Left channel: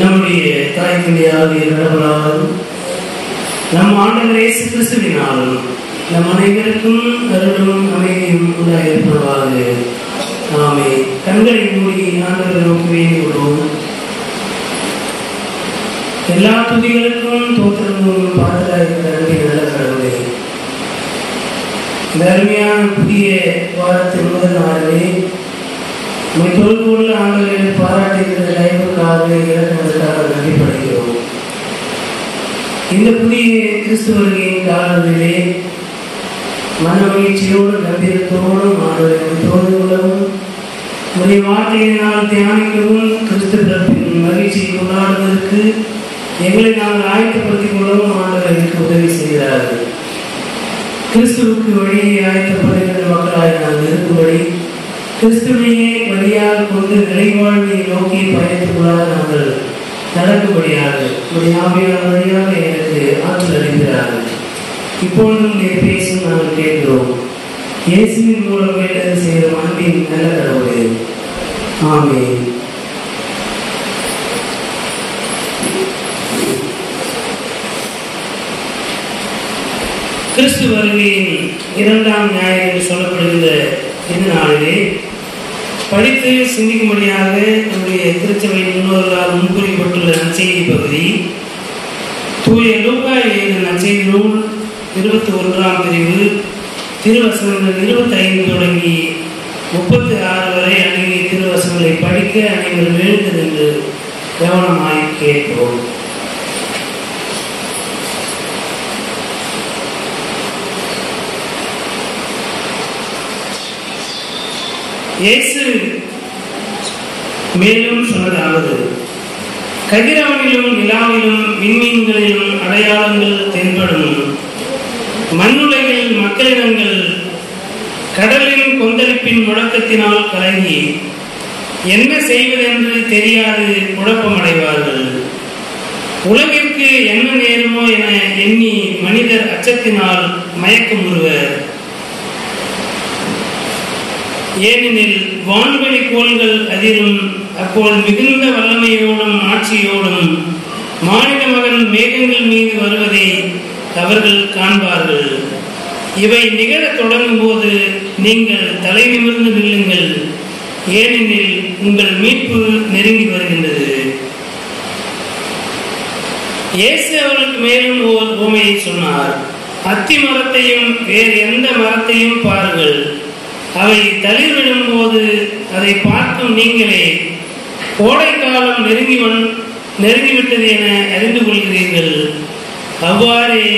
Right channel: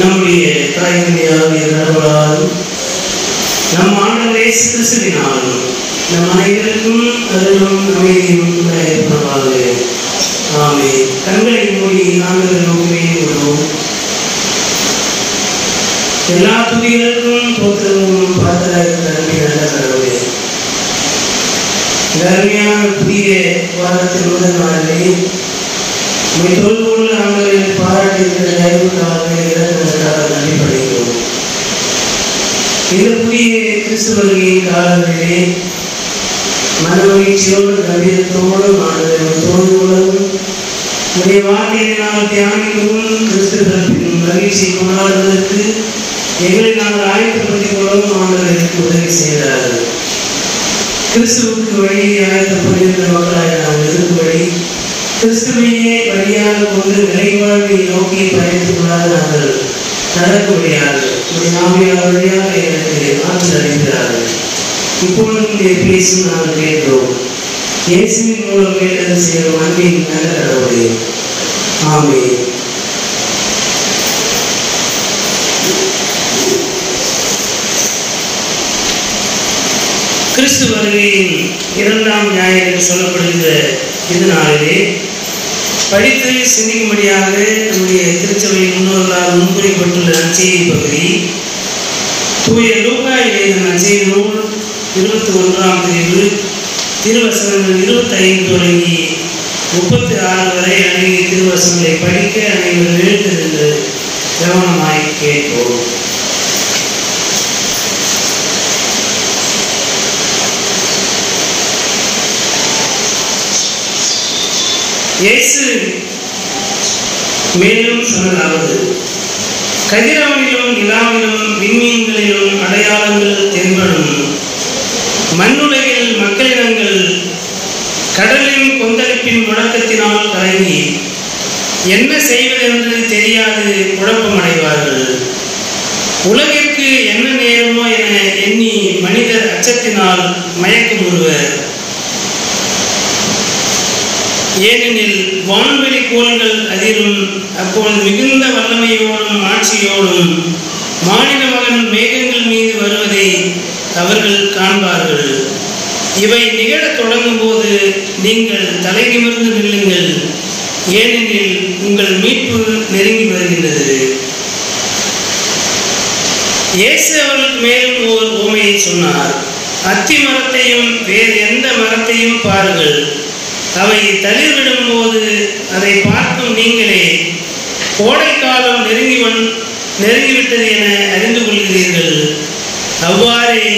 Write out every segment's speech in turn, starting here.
நம்முடைய தாய்மொழியாகிய கடவுளாலும் நம் ஆண்டவர் இயேசு கிறிஸ்துவினாலும் நம் அனைவருக்கும் அருளும் அமைதியும் உண்டாயிருப்பதாக. ஆமென். கண்களை மூடி ஆண்டவர் முகமே விடுவோம். எல்லா துதிகளுக்கும் தோற்றங்களும் பாத்திராயிருக்கிற நல்ல கடவுளே, இந்த அருமையான புதிய வாரத்தின் முதல் நாளிலே உம்மை தொழுதுள்ள ஆண்டவரை பாராட்டுகிற தயவுக்காக இறங்குவதற்காக நன்றிப்படுகிறோம். இந்த புதிய கிறிஸ்து வருகையின் காலங்களிலே மனமகிழ்ச்சியோடு கம்பீரத்தோடும் ஆண்டவரை தோழி கொள்ளவும் உடைய வார்த்தையினால் தியானிக்கவும் கிறிஸ்து பிறப்பின் மகிழ்ச்சியை கொண்டாடுவதற்கு எங்களை நாங்கள் ஆயத்தப்படுத்திக் கொள்ளவும் ஆண்டவர் எனக்கு உதவி செய்கிறார்கள். கிறிஸ்துவுக்கு வழியை ஆயத்தப்படுகின்ற மக்களாக நாங்கள் இருக்கும்படி கிறிஸ்துவையே வழியாக கொண்டு நிலைவாழ்வை நோக்கி பயணித்துள்ளாக நாங்கள் நடக்கும்படியாக உடைய ஆவியார் வழியாக எனக்கு ஆற்றல் அளிக்கிறார்கள். இப்பொழுது இங்கே பேசும் நாங்கள் கேட்கிறோம். இயேசுவின் மூலம் வேண்டது செய்யும் அன்பின் நல்ல கடவுளே. ஆமென். கிறிஸ்து வருகையின் 2ஆம் ஞாயிறு என்று சொல்லப்படுகிற இந்த நாளிலே படித்து சிந்திக்கும்படியாக நம்முடைய திருச்சபை முன்னோர்களால் முன்குறிப்பட்டுள்ள நற்செய்தி பகுதி தூய லூக்கா எழுதிய நற்செய்தி நூல் 21ஆம் பிரிவு திருவசனங்கள் 25 தொடங்கி 36 வரை அடங்கிய திருவசனங்களை படிக்க அனைவரும் எழுந்திருந்து கவனமாய் கேட்போம். இயேசு மேலும் சொன்னதாவது, கதிரவனிலும் நிலாவிலும் விண்மீன்களிலும் அடையாளங்கள் தென்படும். மண்ணுலகில் மக்களிடங்கள் கடலின் கொந்தளிப்பின் முழக்கத்தினால் கலங்கி என்ன செய்வதென்று தெரியாது குழப்பமடைவார்கள். உலகிற்கு என்ன நேருமோ என எண்ணி மனிதர் அச்சத்தினால் மயக்கமுறுவர். ஏனெனில் வான்வெளி கோள்கள் அதிரும். அப்போது மிகுந்த வல்லமையோடும் ஆட்சியோடும் மானிட மகன் மேகங்கள் மீது வருவதை அவர்கள் காண்பார்கள். இவை நிகழத் தொடங்கும் போது நீங்கள் தலை நிமிர்ந்து நில்லுங்கள், ஏனெனில் உங்கள் மீட்பு நெருங்கி வருகின்றது. இயேசு அவர்களுக்கு மேலும் ஓர் உவமையை சொன்னார். அத்தி மரத்தையும் வேறு எந்த மரத்தையும் பாருங்கள். அவை தளிர்விடும் போது அதை பார்க்கும் நீங்களே கோடைக்காலம் நெருங்கிவிட்டது என அறிந்து கொள்கிறீர்கள். அவ்வாறே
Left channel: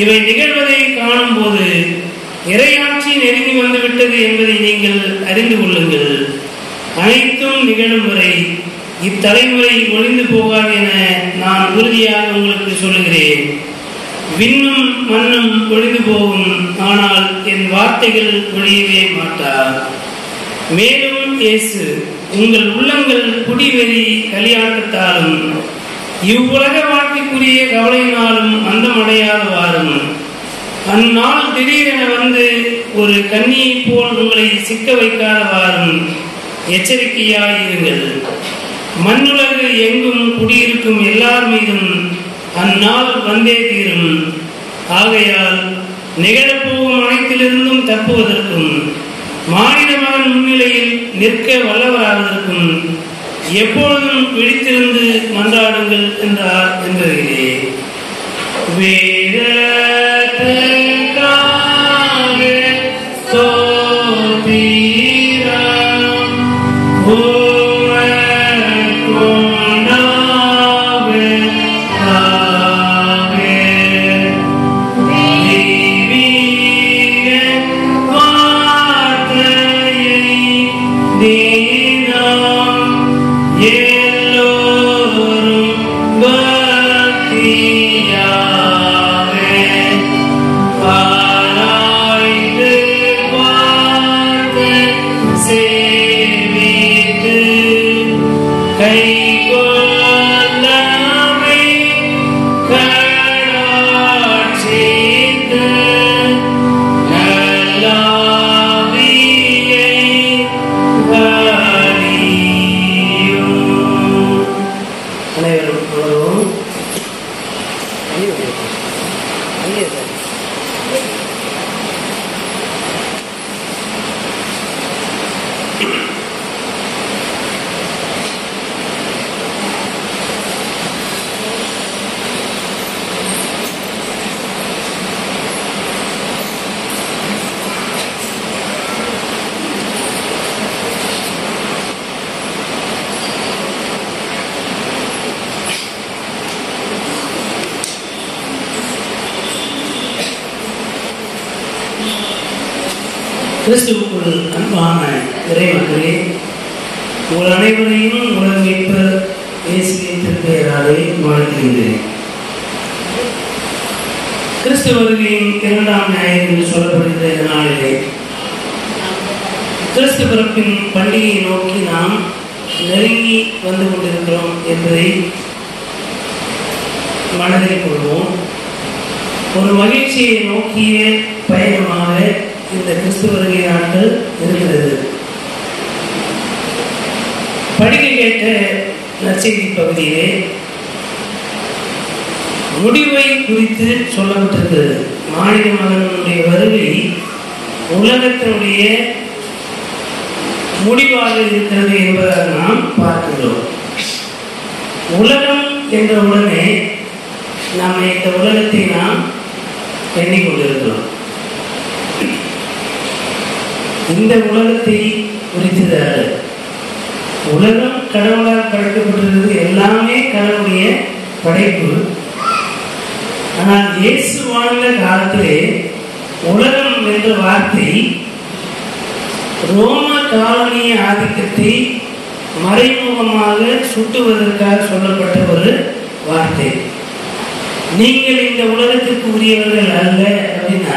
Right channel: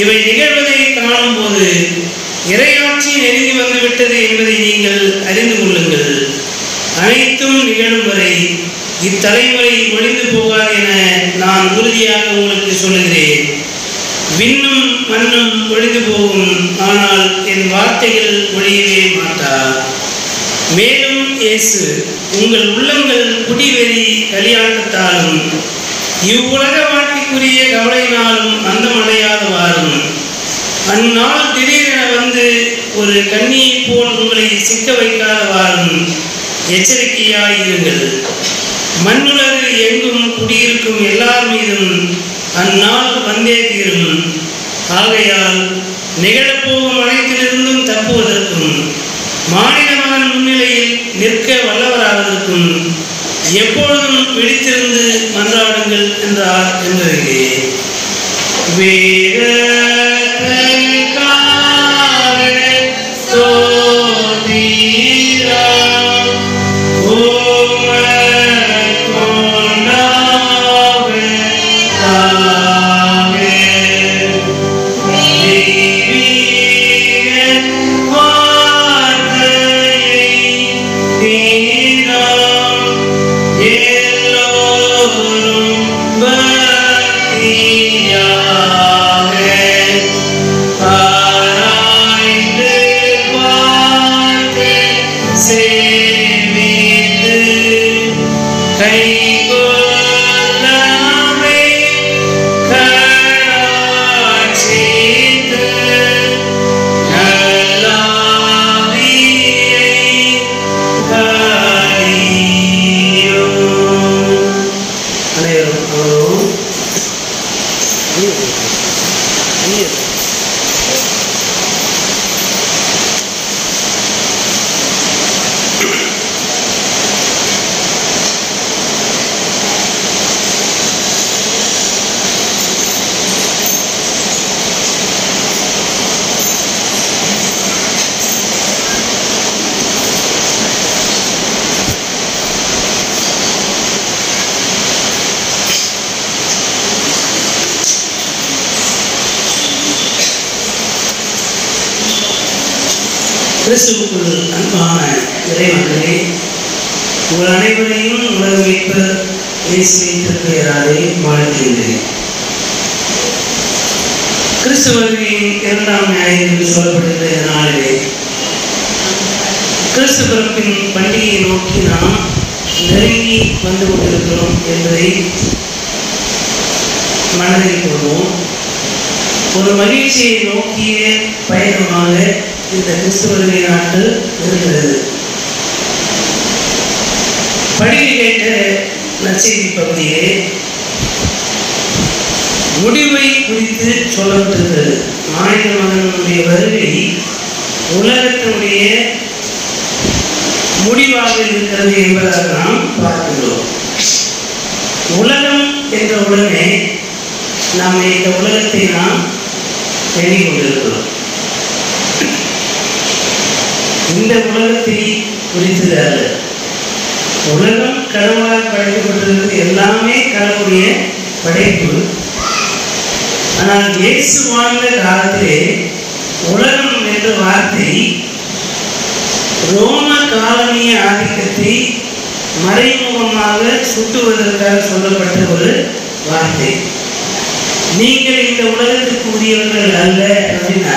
இவை நிகழ்வதை காணும் போது இறையாட்சி நெருங்கி வந்துவிட்டது என்பதை நீங்கள் அறிந்து கொள்ளுங்கள். அனைத்தும் நிகழும் வரை இத்தலைமுறை ஒழிந்து போகாது என நான் உறுதியாக உங்களுக்கு சொல்லுகிறேன். விண்ணும் மண்ணும் ஒழிந்து போகும், ஆனால் என் வார்த்தைகள் ஒழியவே மாட்டார். மேலும் இயேசு, உங்கள் உள்ளங்கள் குடிவெறி கலியாட்டத்தாலும் இவ்வுலக வாழ்க்கைக்குரிய கவலையினாலும் அந்தமடையாதவாறும் அந்நாள் திடீரென வந்து ஒரு கண்ணியை போல் உங்களை சிக்க வைக்காதவாறும் எச்சரிக்கையாயிருங்கள். மண்ணுலகு எங்கும் குடியிருக்கும் எல்லார் மீதும் அந்நாள் வந்தே தீரும். ஆகையால் நிகழப்போகும் அனைத்திலிருந்தும் தப்புவதற்கும் மானிட மகன் முன்னிலையில் நிற்க வல்லவராவதற்கும் எப்பொழுதும் விழித்திருந்து மன்றாடுங்கள் என்றார் என்பதிலே கிறிஸ்துவுக்குள் அன்பான இறைமக்களே, உங்கள் அனைவரையும் உலக மீட்பர் இயேசுவின் திருப்பெயராலே வாழ்த்துகின்றேன். கிறிஸ்து வருகையின் 2ஆம் ஞாயிறு என்று சொல்லப்படுகின்ற இந்த நாளிலே கிறிஸ்து பிறப்பின் பண்டிகையை நோக்கி நாம் நெருங்கி வந்து கொண்டிருக்கிறோம் என்பதை மனதில் கொள்வோம். ஒரு மகிழ்ச்சியை நோக்கிய பயணமாக இந்த கிறிஸ்து வருகை நாட்கள் இருக்கிறது. பண்டிகை கேட்ட நற்செய்தி பகுதியிலே முடிவை குறித்து சொல்லப்பட்டிருக்கிறது. மாநில மகனுடைய வருகை உலகத்தினுடைய முடிவாக இருக்கிறது என்பதாக நாம் பார்க்கிறோம். உலகம் என்ற உடனே நாம் இந்த உலகத்தை நாம் எண்ணிக்கொண்டிருக்கிறோம். இந்த உலகத்தை குறித்ததாக உலகம் கடவுளால் படைக்கப்பட்டிருக்கிறது. எல்லாமே கடவுளுடைய படைப்பு. ஆனால் இயேசு வாழ்ந்த காலத்திலே உலகம் என்ற வார்த்தை ரோம காலனிய ஆதிக்கத்தை மறைமுகமாக சுட்டுவதற்காக சொல்லப்பட்ட ஒரு வார்த்தை. நீங்கள் இந்த உலகத்திற்கு உரியவர்கள் அல்ல அப்படின்னா,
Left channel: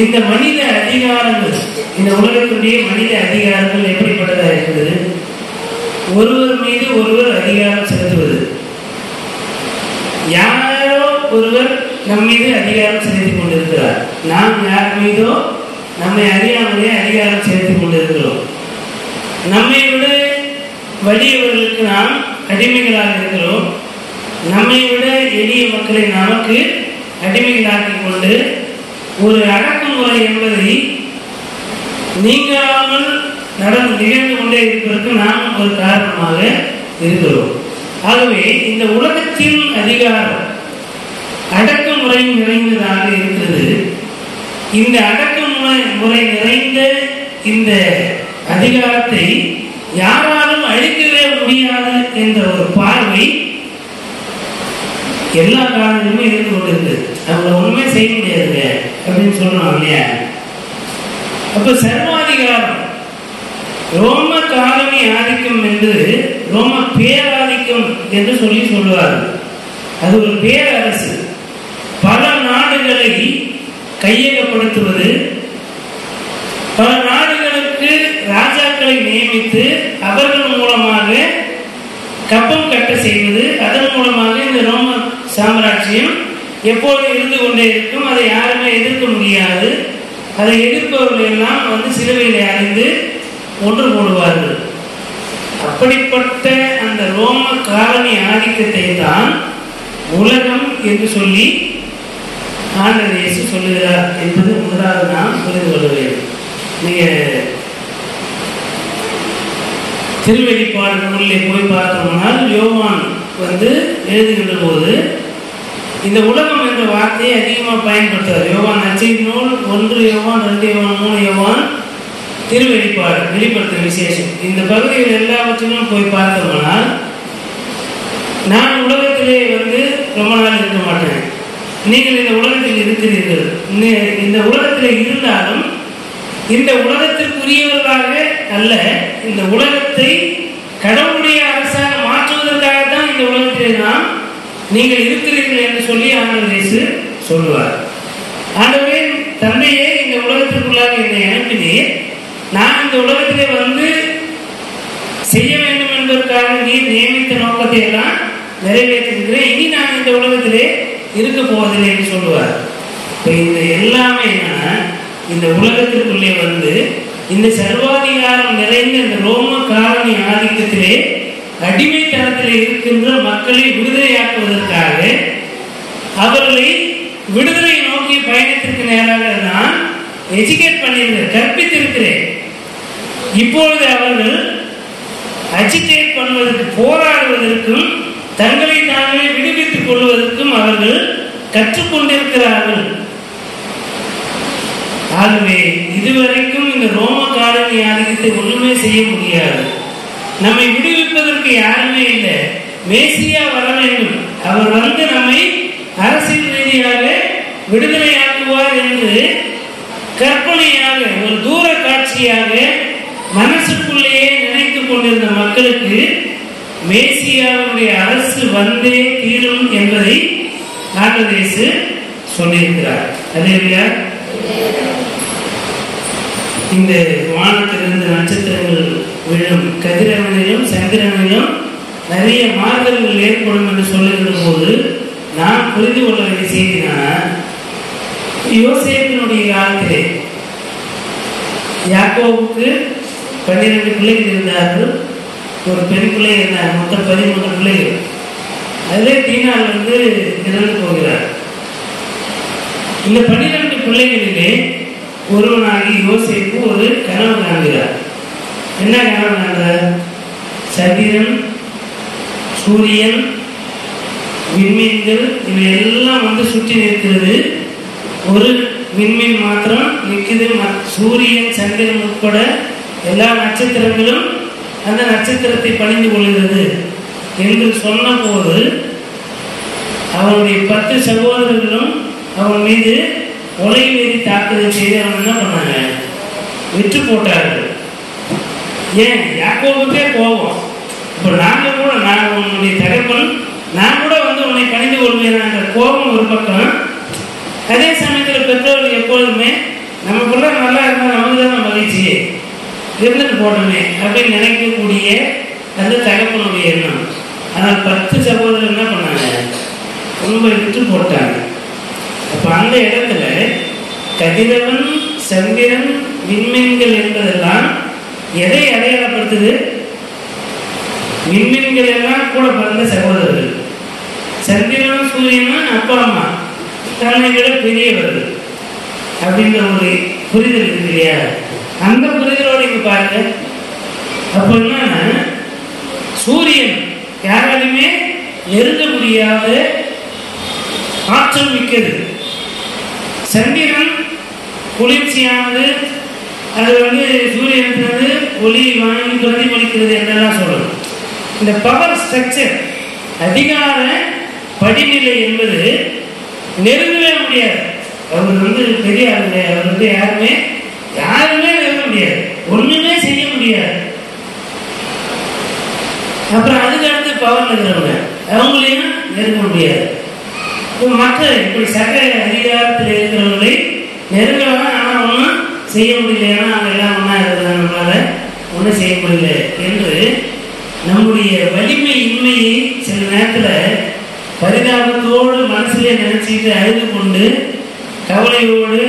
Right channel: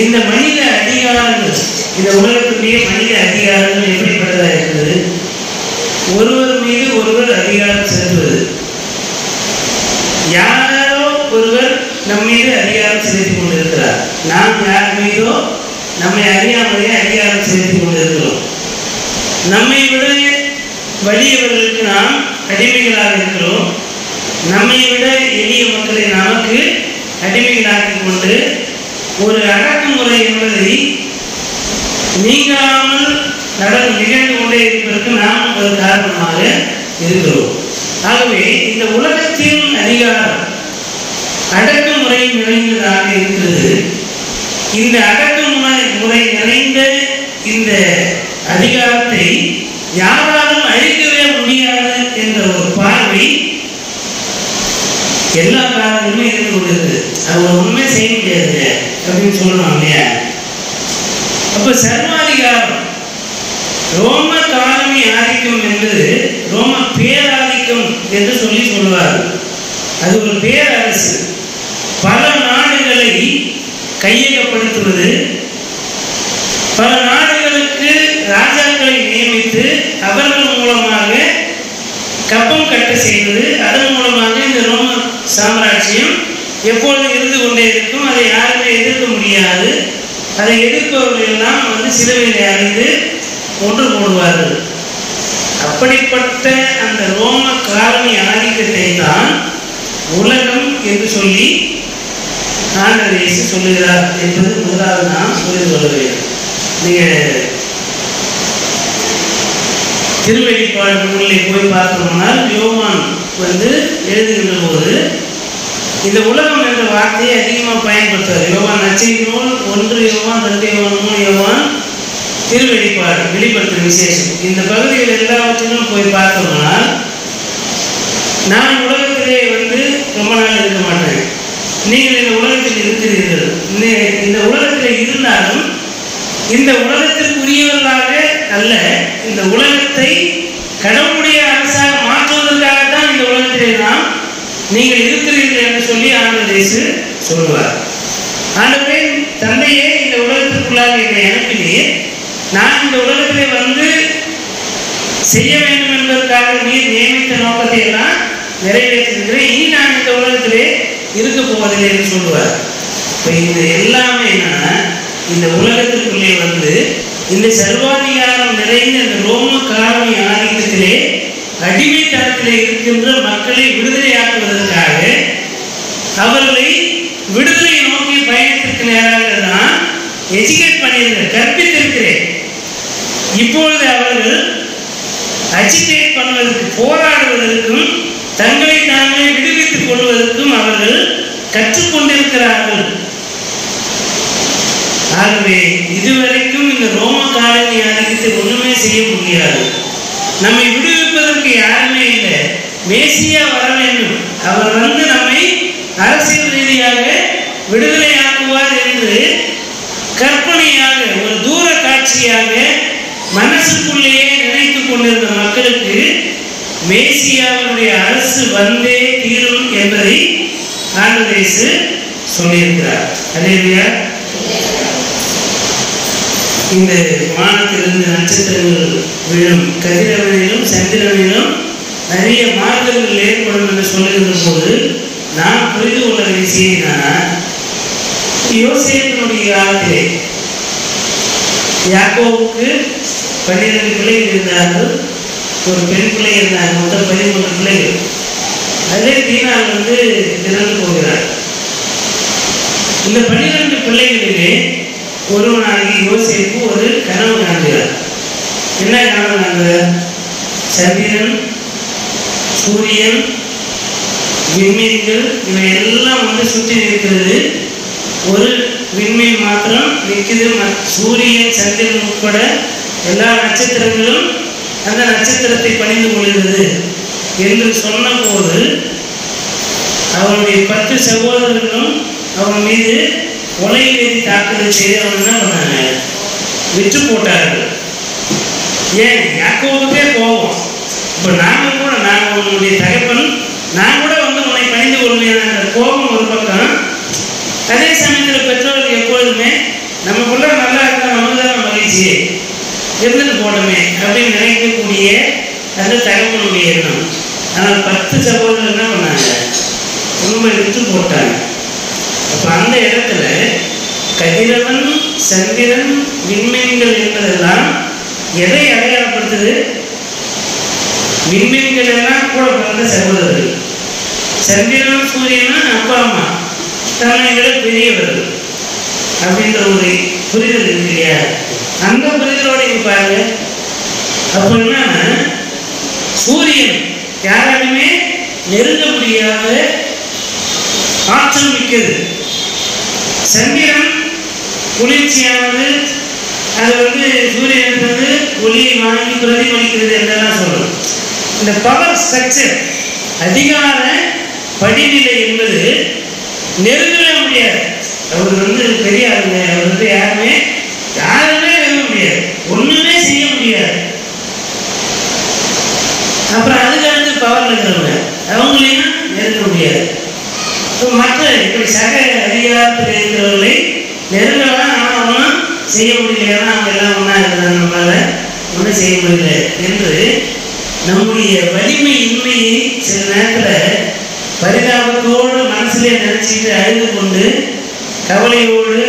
இந்த மனித அதிகாரங்கள், இந்த உலகத்துடைய மனித அதிகாரங்கள் எப்படிப்பட்டதாக இருக்குது? ஒருவர் மீது ஒருவர் அதிகாரம் செலுத்துவது. யாரோ ஒருவர் நம் மீது அதிகாரம் செலுத்திக் கொண்டிருக்கிறார். நாம் யார் மீதோ நம்மை அறியாமலே அதிகாரம் செலுத்திக் கொண்டிருக்கிறோம். நம்மை விட வலியவர்களுக்கு நாம் அடிமைகளாக இருக்கிறோம். நம்மை விட எளிய மக்களை நமக்கு அடிமைகளாக்கிக் கொண்டு ஒரு அடக்குமுறை என்பதை நீங்காமல் நிகழ்ந்து கொண்டே இருப்பதற்கு நாம் ஒரு காரணமாக இருக்கிறோம். ஆகவே இந்த உலகத்தின் அதிகாரம் அடக்குமுறை நிறைந்ததாக இருக்கிறது. இந்த அடக்குமுறை நிறைந்த இந்த அதிகாரத்தை யாராலும் அழிக்கவே முடியாது என்ற ஒரு பார்வை எல்லா காலங்களிலுமே இருந்து கொண்டிருக்கு. அவங்க ஒண்ணுமே செய்ய முடியாது அப்படின்னு சொல்லணும் இல்லையா? அப்ப சர்வாதிகாரம், ரோம காலனி ஆதிக்கம் என்பது ரோம பேராதிக்கம் என்று சொல்லுவார். அது ஒரு பேரரசு. பல நாடுகளை கையகப்படுத்துவது, பல நாடுகளுக்கு ராஜாக்களை நியமித்து அவர்கள் மூலமாக கப்பம் கட்ட செய்வது, அதன் மூலமாக இந்த ரோம சாம்ராஜ்யம் எப்பொழுதும் இருந்து கொண்டே இருக்கும். அதை யாருமே எதிர்க்க முடியாது. அதை எதிர்ப்பவர்கள் எல்லாம் சிலுவையில் அறிந்து ஒன்று போடுவார்கள். அப்படிப்பட்ட அந்த ரோம காலனி ஆதிக்கத்தை தான் உலகம் என்று சொல்லி ஆண்டவர் இயேசு சொல்லுகிறார் என்பது முதலாவது நாம் புரிந்து கொள்ள வேண்டும். நீங்க திருவெளிப்பாடு நூலிலே போய் பார்த்தோம்னால் யோவான் எழுதுகின்ற போது இந்த உலகம் என்ற வார்த்தையை அதிகமாக பயன்படுத்துவார். யோவான் நற்செய்தி நூல் 1 யோவான் 2 யோவான் 3 யோவான் திருவெளிப்பாடு வெளிப்படுத்தும் விசேஷம். இந்த பகுதிகள் எல்லாவற்றிலும் போய் பார்த்தோம்னால், நான் உலகத்திலே ரொம்ப நாள் இருக்க மாட்டேன், நீங்கள் இந்த உலகத்தில் இருக்கிறீர்கள், இந்த உலகத்தில் இருந்தாலும் இந்த உலகத்திற்குரியவர்களாக அல்ல, இந்த உலகத்தை கடவுளுடைய அரசாக மாற்றுவதற்காகத்தான் இந்த உலகத்திலே நாம் நீங்கள் இருக்கிறீர்கள் என்று சொல்லி ஆண்டவர் இயேசு சொல்லுவார். ஆண்டவரே, தந்தையே, இந்த உலகத்திற்குள்ளாக என்னை அனுப்பினீர், நான் இந்த உலகத்திலே செய்ய வேண்டும் என்பதற்காக நீர் நியமித்த நோக்கத்தை எல்லாம் நிறைவேற்றிருக்கிறேன். இனி நான் இந்த உலகத்திலே இருக்க போவதில்லை என்று சொல்லுவார். இப்போ இந்த எல்லாமே என்னன்னா, இந்த உலகத்திற்குள்ளே இந்த சர்வாதிகாரம் நிறைந்த இந்த ரோம காலனி ஆதிக்கத்திலே அடிமைத்தனத்திலே இருக்கின்ற மக்களை விடுதலையாக்குவதற்காக அவர்களை விடுதலை நோக்கிய பயணத்திற்கு நேராக நான் எஜுகேட் பண்ணியிருக்கிறேன், கற்பித்திருக்கிறேன். இப்பொழுது அவர்கள் அஜிடேட் பண்ணுவதற்கு, போராடுவதற்கும் தங்களை தாங்களே விடுவித்துக் கொள்வதற்கும் அவர்கள் கற்றுக்கொண்டிருக்கிறார்கள். ஆகவே இதுவரைக்கும் இந்த ரோம காலனி ஆதிக்கத்தை ஒண்ணுமே செய்ய முடியாது. நம்மை விடுவிப்பதற்கு யாருமே இல்லை. மேசியா வர வேண்டும், அவர் நம்மை அரசியல் ரீதியாக விடுதலையாக்குவார் என்று கற்பனையாக அவர்களுக்கு மேசியாவுடைய அரசு வந்தே தீரும் என்பதை ஆண்டவர் இயேசு சொல்லியிருக்கிறார். அல்லேலூயா. இந்த வானத்திலிருந்து நட்சத்திரங்கள் விழும், கதிரவனிலும் சந்திரனிலும் நிறைய மாறுதல்கள் ஏற்படும் என்று சொல்லுகிற போது நான் புரிந்து கொள்ள வேண்டிய செய்தினா, யோசேப்பினுடைய காலத்திலே யாக்கோவுக்கு 12 பிள்ளைகள் இருந்தார்கள், ஒரு பெண் பிள்ளை இருந்தார், மொத்தம் 13 பிள்ளைகள். அதே தீனாள் இறந்து போகிறார். இந்த 12 பிள்ளைகளிலே ஒருவனாகி யோசேப்பு ஒரு கனவு காண்கிறார். என்ன கனவு காண்கிறார்? சந்திரன், சூரியன், விண்மீன்கள் இவை எல்லாம் சுற்றி இருக்கிறது. ஒரு விண்மீன் மாத்திரம் நிற்குது. சூரியன், சந்திரன் உட்பட எல்லா நட்சத்திரங்களும் அந்த நட்சத்திரத்தை பணிந்து கொள்கிறது என்று சொன்னபோது அவருடைய 10 சகோதரர்களும் அவன் மீது கொலைவேதி தாக்குதல் செய்து அவன் என்ன பண்ணாங்க? விட்டு போட்டார்கள். ஏன்? யாக்கோவுக்கே கோபம். இப்போ நாங்கள் கூட, நான் உன்னுடைய தகப்பன், நான் கூட உன்னை பணிந்து கொள்வேன் என்ற கோபம் ஒரு பக்கம். அதே சமயத்தில் பெற்றோர்கள் எப்பொழுதுமே நமக்குள்ள நல்லா இருந்தால் நமக்கு தான் மகிழ்ச்சி, இருந்துட்டு போடணுமே அப்படின்னு நினைக்கக்கூடிய அந்த தகப்பனுடைய எண்ணம். ஆனால் 10 சகோதரர் என்ன பண்ணாங்க? ரொம்ப விட்டு போட்டாங்க. அப்போ அந்த இடத்துல கதிரவன், சந்திரன், விண்மீன்கள் என்பதெல்லாம் எதை அடையாளப்படுத்துது? விண்மீன்கள் எல்லாம் கூட பிறந்த சகோதரர்கள், சந்திரனும் சூரியனும் அப்பா அம்மா தன்னை விட பெரியவர்கள் அப்படின்ற ஒரு புரிதல் இருக்கு இல்லையா? அந்த புரிதலோட இங்க பாருங்க. அப்போ என்னன்னா, சூரியன் யாராலுமே நெருங்க முடியாத ஆற்றல் மிக்கது. சந்திரன் குளிர்ச்சியானது, அது சூரியனிலிருந்து ஒளியை வாங்கி பிரதிபலிக்கிறது என்றெல்லாம் சொல்லணும். இந்த பவர் ஸ்ட்ரக்சர், அதிகார படிநிலை என்பது நெருங்கவே முடியாது. அவர் பெரிய ஆளுங்க, அவர் யாருமே நெருங்க முடியாது, ஒண்ணுமே செய்ய முடியாது. அப்புறம் அதுக்கு அடுத்து பவர்ல இருக்கிறவங்க அவங்களையும் நெருங்க முடியாது. மற்ற இப்படி சக அதிகாரத்தில் இருக்கிறவர்களை நெருங்கலாம், ஆனால் ஒன்றும் செய்ய முடியல. ஏன்னா அவங்க எல்லாம் ஒன்றா இருக்கிறாங்க, நம்மளால ஒன்றும் செய்ய முடியல என்று நம்முடைய வலிமை இன்மையை சில நேரத்தில் பரிதாபத்தோடு மனசுலேயே நினச்சிட்டு அழுது கொண்டு கவலையோடு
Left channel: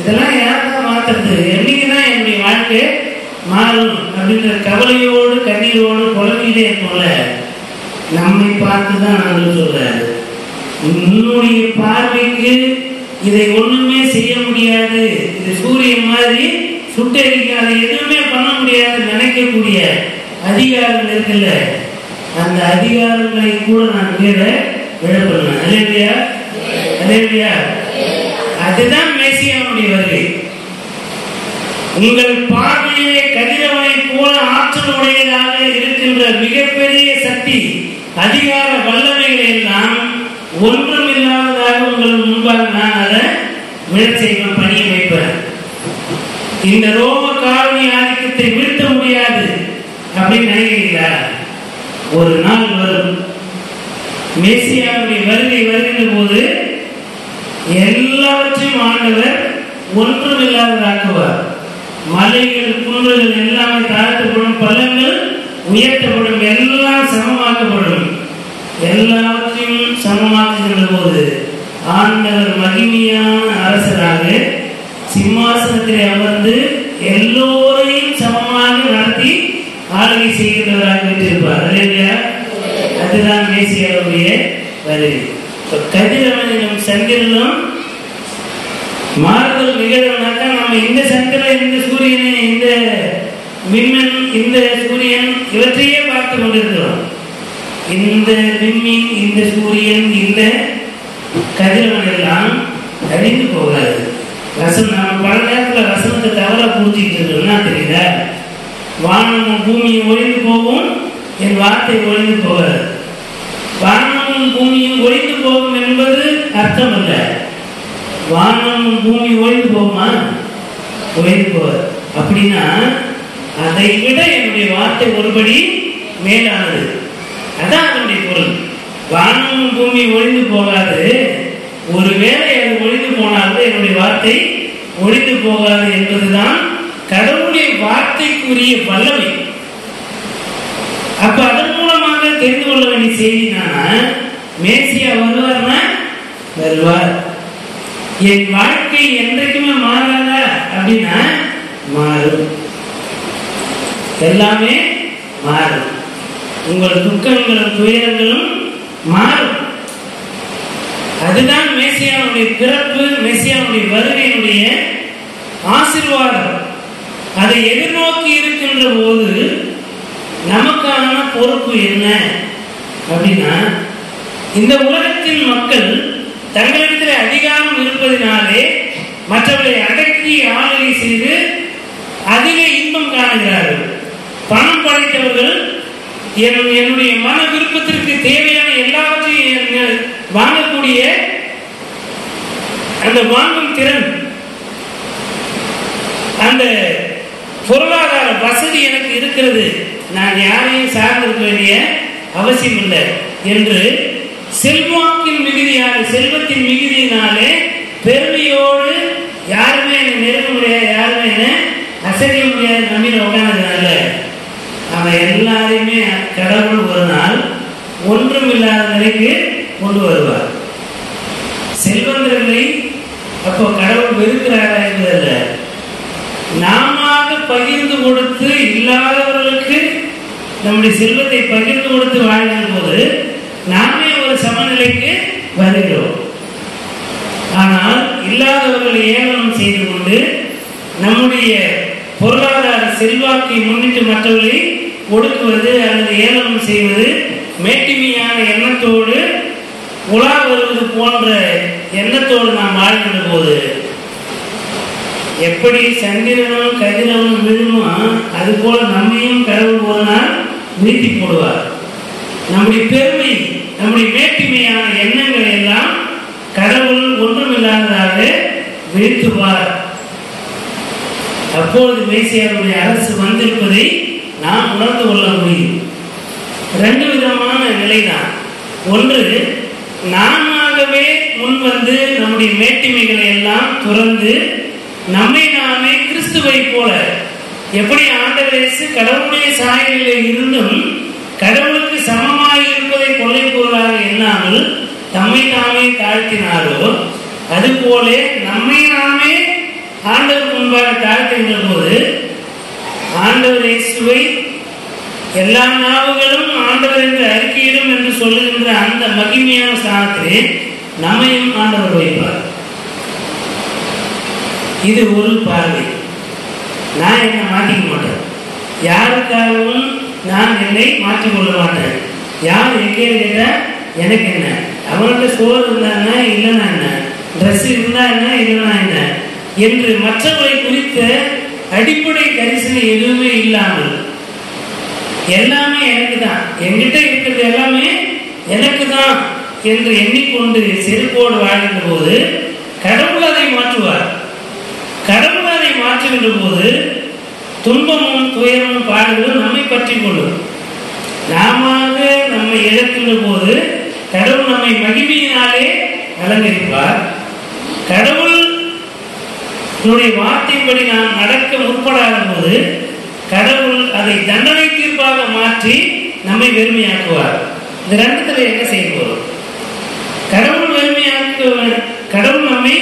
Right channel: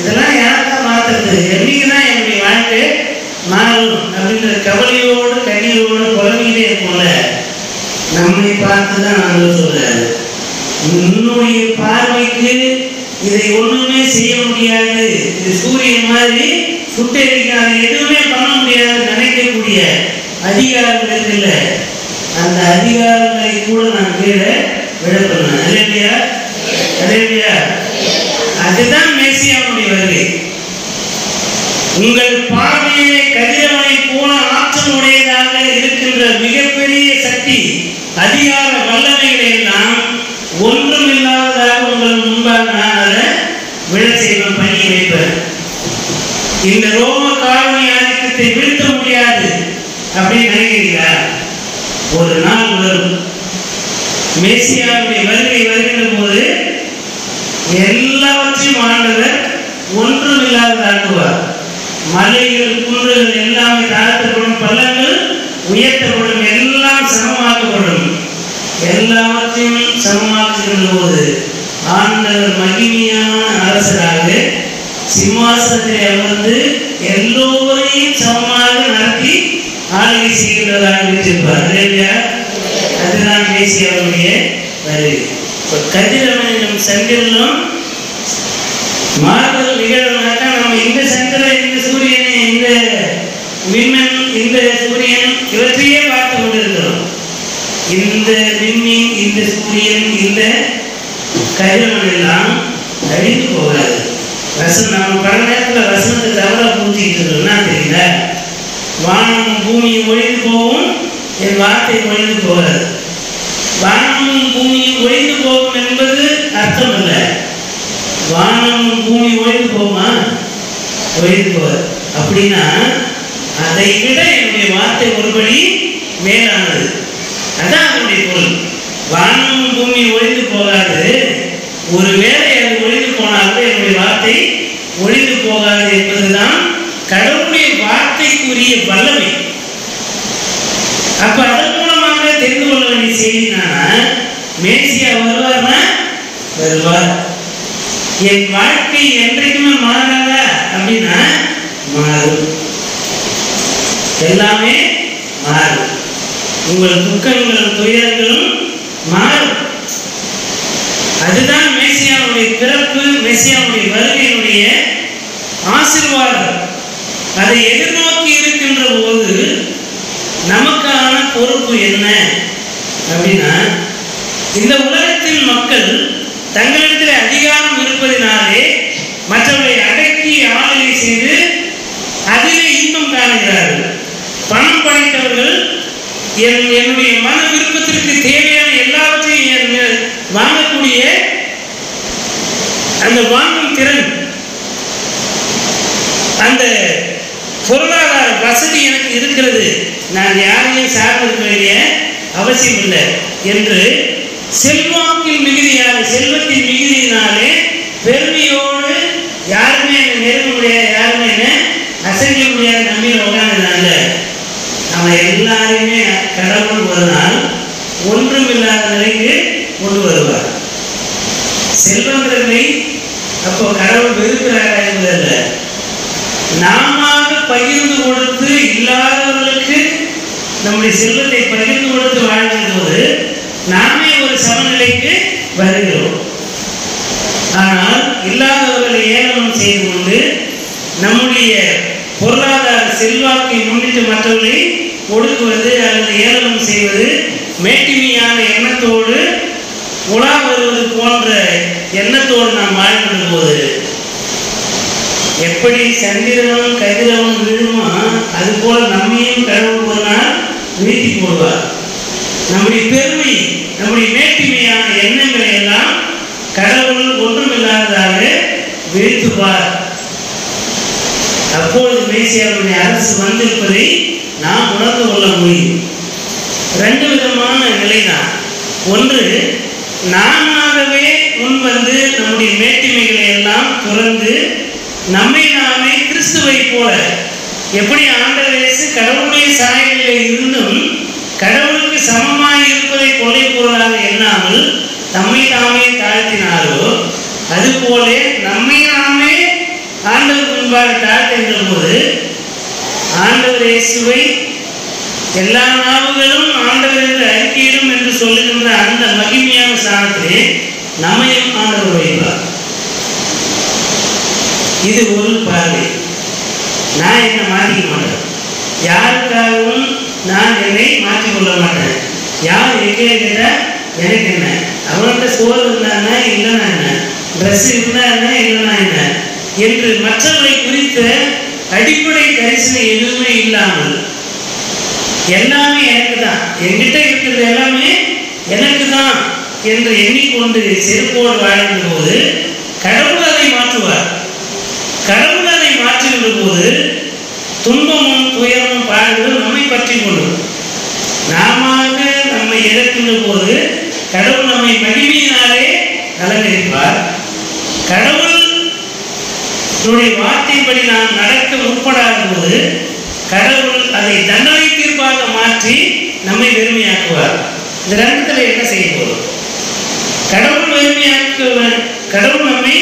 இதெல்லாம் யாருதான் மாற்றுறது, என்னைக்குதான் என்னுடைய வாழ்க்கை மாறும் அப்படின்ற கவலையோடு கண்ணீரோடு புலம்பிக்கிட்டே இருக்கும்ல, நம்மை பார்த்து தான் நான் சொல்றேன், உன்னுடைய பார்வைக்கு இதை ஒண்ணுமே செய்ய முடியாது, இது சூரியன் மாதிரி சுட்டெரிக்காது, எதுவுமே பண்ண முடியாது நினைக்கக்கூடிய அதிகாரங்கள் இருக்குல்ல, அந்த அதிகாரங்களை கூட நான் கீழே விடப்படணும். அதே இல்லையா? அதே இல்லையா? அதுதான் மேசியாவுடைய வருகை. உங்கள் பார்வையை கதிரவனை போல ஆற்றல் உடையதாக இருக்கின்ற மிகப்பெரிய சக்தி, அதிகார வல்லமைகளை எல்லாம் ஒன்றும் இல்லாததாக உங்கள் முன்பாக நான் அதை விழ செய்வேன், பண்ணி வைப்பேன். இந்த ரோம காலனி ஆதிக்கத்தை வீழ்த்த முடியாது அப்படின்னு நினைக்கிறீங்களா? ஒரு நாள் வரும், மேசியாவுடைய வருகை வருகின்ற போது எல்லாவற்றையும் ஆண்டவர் ஒன்றும் இல்லாததாக்குவார். மலைகள், குன்றுகள் எல்லாமே தாழ்த்தப்படும், பள்ளங்கள் உயர்த்தப்படும், எல்லாம் சமமாக்கப்படும். எல்லாவற்றையும் சமமாக்குகின்ற போது ஆண்டவர் மகிமையான அரசராக சிம்மாசனத்திலே அமர்ந்து எல்லோரையும் சமமாக நடத்தி ஆளுகை செய்கின்றவராக வைத்திருப்பார். அதுதான் மேசியாவுடைய வருகை. கதிரவனும் சந்திரனும் மாறுதல் நிகழ்வுனாக்கா நம்ம இந்த சந்திரன், இந்த சூரியனை, இந்த விண்மீன், இந்த சூரியன் இவற்றையே பார்த்து கொண்டிருக்கிறோம். இந்த விண்மீன், இந்த சூரியன், இந்த கதிரவன் எல்லாம் அழிந்து போகாது. நம்ம பல நேரத்தில் வசனத்தை தவறாக புரிஞ்சுக்கிட்டு இருக்கோம்னா தெரியல, வானமும் பூமியும் ஒழிந்து போகும், என் வார்த்தை ஒழிந்து போகாது. வானமும் பூமியும் ஒழிந்து போகும் என்பது அர்த்தம் இல்லை. வானமும் பூமி ஒழிந்து போகுமா? ஒழிந்து போகாது. அப்படின்னா அதை விட என்னுடைய வார்த்தை ஒருபடி மேலானது. அதான் அதனுடைய பொருள். வானமும் பூமி ஒழிந்து போகாது, ஒருவேளை அது ஒழிந்து போனாலும் என்னுடைய வார்த்தை ஒழிந்து போகாது என்பதுதான் கடவுளுடைய வார்த்தைக்குரிய வல்லமை. அப்ப அதன் மூலமாக தெரிந்து கொள்ள வேண்டிய செய்தி மேசியா வருவார்னா வருவார். என் வாழ்க்கை என்றைக்குமே மாறாதா அப்படின்னா மாறும், எல்லாமே மாறும். உங்கள் துக்கங்களும் துயரங்களும் மாறும். அதுதான் மேசியாவுடைய பிறப்பு, மேசியாவுடைய வருகையினுடைய ஆசீர்வாதம். அதை எதிர்நோக்கி இருக்கின்ற போது நமக்கான பொறுப்பு என்ன அப்படின்னா, இந்த உலகத்தில் மக்கள் தங்களிடத்தில் அதிகாரம் இருப்பதினாலே மற்றவர்களை அடக்கி ஆளுகை செய்து அதிலே இன்பம் காணுகிறார்கள். பணம் படைத்தவர்கள் என்னுடைய மன விருப்பத்திற்கு தேவையான எல்லாவற்றையும் வாங்கக்கூடிய அந்த வாங்கும் திறன், அந்த பொருளாதார வசதி எனக்கு இருக்கிறது, நான் யாரையும் சார்ந்திருக்க வேண்டிய அவசியம் இல்லை என்று செல்வாக்கில் மிகுதியான செல்வத்தின் மிகுதியினாலே பெருமையோடு யாருமே என்னை நெருங்க முடியாது, யாருமே என்ன அசைக்க முடியாது நம்பின உட்காந்துனால நம்ம எல்லாருமே கடவுள் ஒரு நாள் ஒன்றுமில்லாத நிலைக்கு கொண்டு வருவார். செல்வங்களை அப்போ கடவுள் வெறுக்கிறாரா என்பதல்ல, நாம பகிர்ந்து கொடுத்து இல்லாதவர்களுக்கு நம்முடைய செல்வத்தை பகிர்ந்து கொடுத்து வாழ்கிற போது நாமே ஒரு சமநிலைக்கு வருகிறோம். ஆனால் இல்லாதவர்களை ஏளனம் செய்து கொண்டு நம்முடைய பொருளாதார செல்வாக்கை முன்னிட்டு மற்றவர்களை ஒடுக்குவது அல்லது ஏளனம் செய்வது, மேட்டிமையான எண்ணத்தோடு உலா வருவது போன்ற எண்ணத்தோடு நாம் வாழ்கின்ற போது எப்படி சந்திரனும் கதிரவனும் விழுமோ அது போல நம்மையும் கடவுள் ஒரு நாள் வீழ்த்தி போடுவார். நம்முடைய பெருமை, நம்முடைய மேட்டிமையான எண்ணங்களை எல்லாம் கடவுள் ஒன்றுமில்லாததாக வீழ்த்துவார். அப்பொழுது மேசியாவுடைய அரசு வந்திருப்பதை நாம் உணர்ந்து கொள்ள முடியும். ரெண்டு விதமான நிலைதான். ஒன்று, நாமவே முன் வந்து நம்முடைய மேட்டிமைகளை எல்லாம் துறந்து நம்மை நாமே கிறிஸ்துவை போல, எப்படி ஆண்டவர் இயேசு கடவுளுடைய சாயலில் இருந்தும் கடவுளுக்கு சமமாக இருப்பதை கொள்ளை பொருளாக எண்ணாமல் தம்மை தாமே தாழ்த்தினாரோ அதுபோல நம்மை நாமே ஆண்டவருக்கு முன்பாக தாழ்த்துகின்ற போது ஆண்டவர் இயேசுவை எல்லா நாவுகளும் ஆண்டவர் என்று அறிக்கையிடும் என்று சொல்லுகின்ற அந்த மகிமையான ஸ்தானத்திலே நம்மையும் ஆண்டவர் வைப்பார். இது ஒரு பார்வை. நான் என்னை மாற்றிக்க மாட்டேன், யாருக்காகவும் நான் என்னை மாற்றிக்கொள்ள மாட்டேன். யார் எங்கே கேட்ட எனக்கு என்ன, அவன்கிட்ட சோறு இருந்தாங்க இல்லைன்னா என்ன, ட்ரெஸ் இருந்தா என்ன இல்லைன்னா என்ன என்று மற்றவர்களை குறித்த அடிப்படை தரிசனம் எதுவுமே இல்லாமல் எல்லாமே எனக்கு தான், என்கிட்ட இருக்கிறது எல்லாமே எனக்கு தான் என்று எண்ணிக்கொண்டு செருப்போடு வாழ்கின்ற போது கடவுள் அதை மாற்றுவார். கடவுள் அதை மாற்றுகின்ற போது துன்பமும் துயரமும் பாடுவது நம்மை பற்றி கொள்ளும். நாம நம்மை இழக்கின்ற போது கடவுள் நம்மை மகிமையினாலே அலங்கரிப்பார். கடவுள் வார்த்தைப்படி நாம் நடக்க முற்படாத போது கடவுள் அதை தண்டனை தீர்ப்பாக மாற்றி நம்மை வெறுமையாக்குவார். இந்த ரெண்டுத்துல என்ன செய்ய போதும்? கடவுள் நம்மை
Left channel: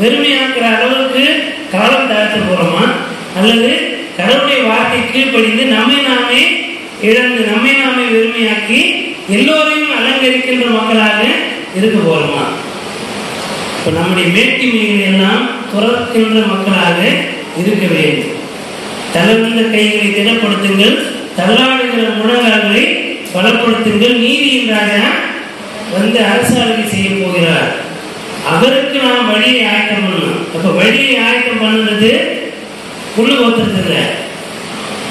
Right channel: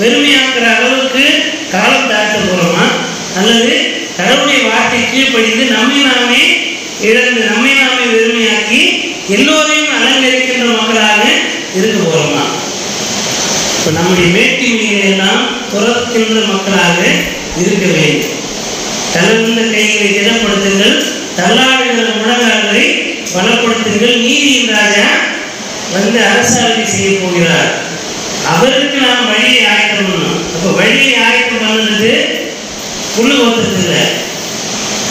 வெறுமையாக்குற அளவுக்கு காலம் தாழ்த்த போறோமா, அல்லது கடவுளுடைய வார்த்தை கீழ்ப்படிந்து நம்மை நாமே இழந்து நம்மை நாமே வெறுமையாக்கி எல்லோரையும் அலங்கரிக்கின்ற மக்களாக இருக்க போறோமா? இப்போ நம்முடைய மேட்டிமைகளை எல்லாம் துறக்கின்ற மக்களாக இருக்க வேண்டும். தளர்ந்த கைகளை திடப்படுத்துங்கள், தள்ளாடுகிற முழங்கால்களை பலப்படுத்துங்கள். நீதியின் ராஜா வந்து அரசாட்சி செய்ய போகிறார், அவருக்கு நாம் வழியை ஆயத்தம் பண்ணணும். அப்போ வழியை ஆயத்தம் பண்ணுறது புல்லு ஓத்துறது இல்லை,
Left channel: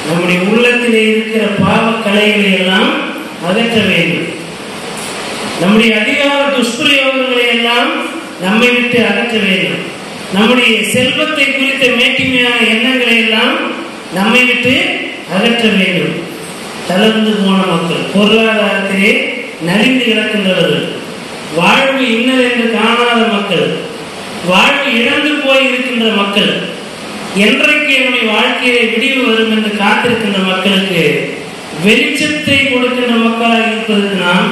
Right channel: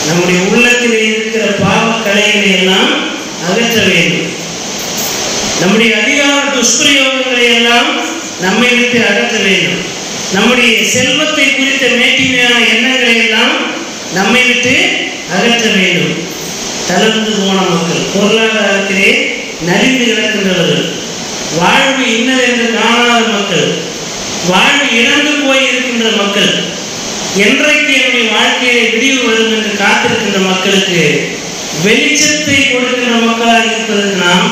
நம்முடைய உள்ளத்தில் இருக்கிற பாவக்கலைகளை எல்லாம் அகற்ற வேண்டும். நம்முடைய அதிகார துஷ்பிரயோகங்களை எல்லாம் நம்மை விட்டு அகற்ற வேண்டும். நம்முடைய செல்வத்தை குறித்த மேட்டிமையான எண்ணங்களை எல்லாம் நம்மை விட்டு அகற்ற வேண்டும். தளர்ந்து போன மக்கள், பொருளாதாரத்திலே நலிந்து கிடக்கின்றவர்கள், வாழ்வு இன்னதென்று காணாத மக்கள், வாழ்வு இழந்து போய் இருக்கின்ற மக்கள், என்றைக்கு என்னுடைய வாழ்க்கையை விடிவு வரும் என்று காத்திருக்கின்ற மக்களுக்கு வெளிச்சத்தை கொடுக்கின்ற மக்களாக இருப்பதற்கு நாம்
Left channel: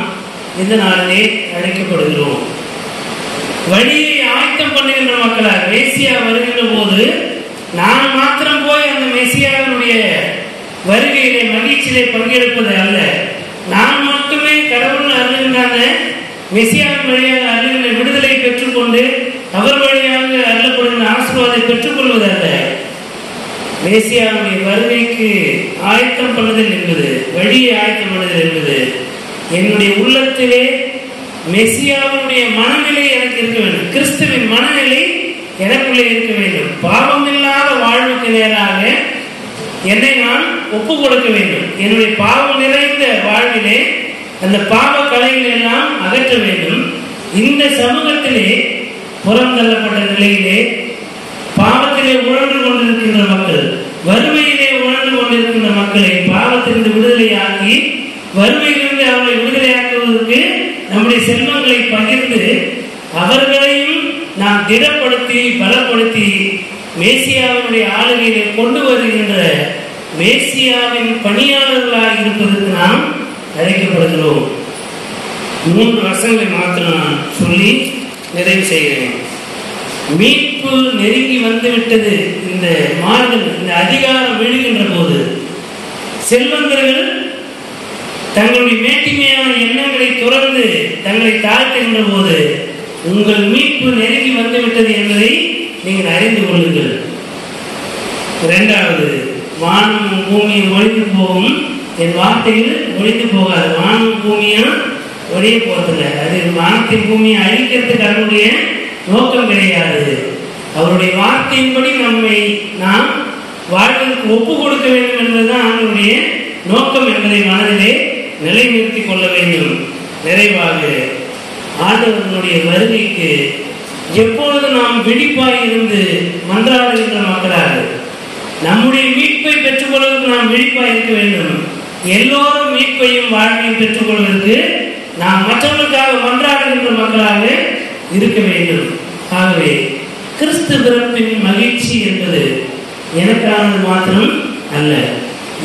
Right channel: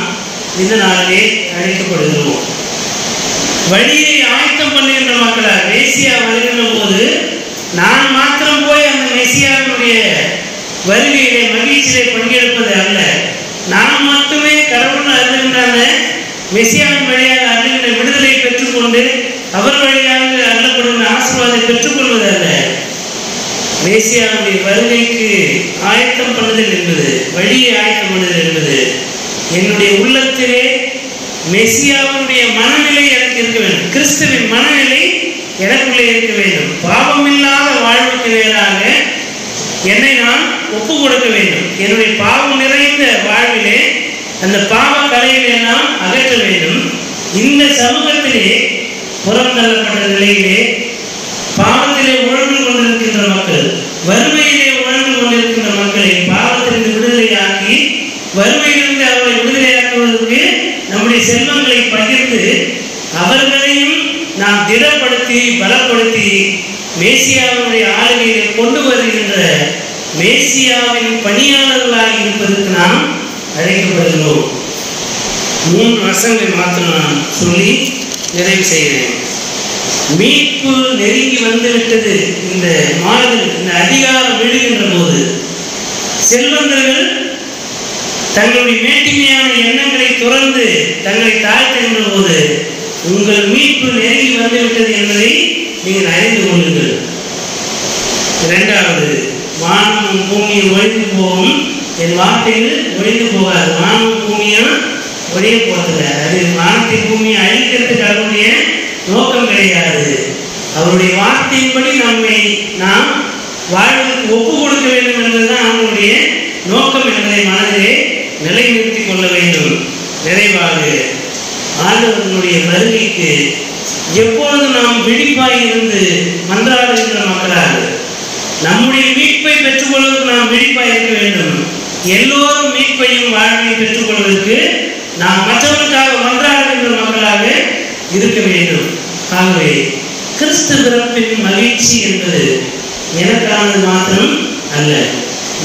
இந்த நாளிலே அழைக்கப்படுகிறோம். வழியை ஆயத்தம் பண்ணுகின்ற மக்களாக மேசியா வருகின்ற போது நான் மாத்திரம் போய் அந்த மேசியாவினுடைய வருகையிலே மகிழ்ச்சியிலே பங்கெடுப்பது அல்ல, நான் மட்டுமே கடவுள் அருகின்ற அந்த மெசியாவின் வழியாக அருகின்ற விடுதலை பெற்றுக்கொண்டு அவர் வழியாக அருளப்படுகின்ற ஆசீர்வாதத்தை பெற்றுக்கொள்வது அல்ல. மேசியாவுடைய வருகைக்கு ஆயத்தம் பண்ணுதல் என்பது, வழியை ஆயத்தம் பண்ணுதல் என்பது, என்னுடைய உள்ளத்திலே மெசியாவுடைய மனநிலை எனக்கு இருக்க வேண்டும், கிறிஸ்துவின் மனநிலை எனக்குள்ளே இருக்க வேண்டும். பாவமில்லாத வாழ்வுக்கு நேராக என்னை நான் ஒப்பு கொடுக்க வேண்டும். என்னுடைய பாவம் நிறைந்த வாழ்விலே அந்த பாவ கலைகளை எல்லாம் அகற்ற வேண்டும். இந்த சமூகத்திலே புறந்தள்ளப்பட்ட நிலையிலே பாவத்திலே உழன்று கொண்டிருக்கின்ற மக்கள், வறுமையிலே உழன்று கொண்டிருக்கின்ற மக்களை பாவத்திலிருந்து விடுதலையாக்கி வறுமையிலிருந்து அவர்களை விடுதலையாக்குவதற்கு நம்முடைய செல்வங்களை பகிர்ந்து அவர்களையும் நாம் திடப்படுத்தி பலப்படுத்தி மேசியாவினுடைய ஆளுகையை கொண்டு வருகின்ற மேசியாவின் பணியாளர்களாக இருப்பதற்கு நாம் அழைக்கப்படுகிறோம். 3 வசனங்களை மாத்திரம் நான் சொல்லி நிறைவு செய்கிறேன். மீட்பு நெருங்கி வந்துவிட்டது. இந்த மாறுதல், இந்த அதிகாரம் விழுகின்ற போது செல்வந்தர்கள் தங்களுடைய மேட்டிமையான எண்ணங்களை துறந்து தங்களை தாழ்த்துகின்ற போது உங்கள் மீட்பு நெருங்கி வந்துவிட்டது என்பதை நீங்கள் அறிந்து கொள்ளுங்கள். 2வது, வானமும் பூமியும் ஒழிந்து போகும், என் வார்த்தைகள் ஒழிந்து போகாது. வானமும் பூமியும் ஒரே போகிறதுல, அது வானத்தின் பூமியை அழிக்கிறதுக்கு அவருடைய நோக்கம் கிடையாது. அவருடைய வார்த்தையின்படி நம்மை நாம் வாழ்வதற்கு ஒப்பு கொடுக்க வேண்டும் என்பதுதான் அவருடைய நோக்கம் என்பதை மனதிலே நிலைநிறுத்தி கொள்ள வேண்டும். நிறைவாக ஆண்டவர்களுடைய வருகைக்கு எப்பொழுது நாம் விழிப்பாய் இருந்து மன்றாடுகின்ற மக்களாக நம்முடைய மீட்பை பெற்றுக்கொள்வதற்கு நாம் விழிப்பாய் இருக்க வேண்டும். எல்லோரும் மீட்பையும் வாழ்வையும் பெற்றுக்கொள்வதற்கு நாம் மற்றவர்களுக்காக மன்றாடுகின்ற மக்களாக இருக்க வேண்டும். ஆகவே கிறிஸ்து பிறப்பின் மகிழ்ச்சி என்பது எனக்கானது மாத்திரம் அல்ல,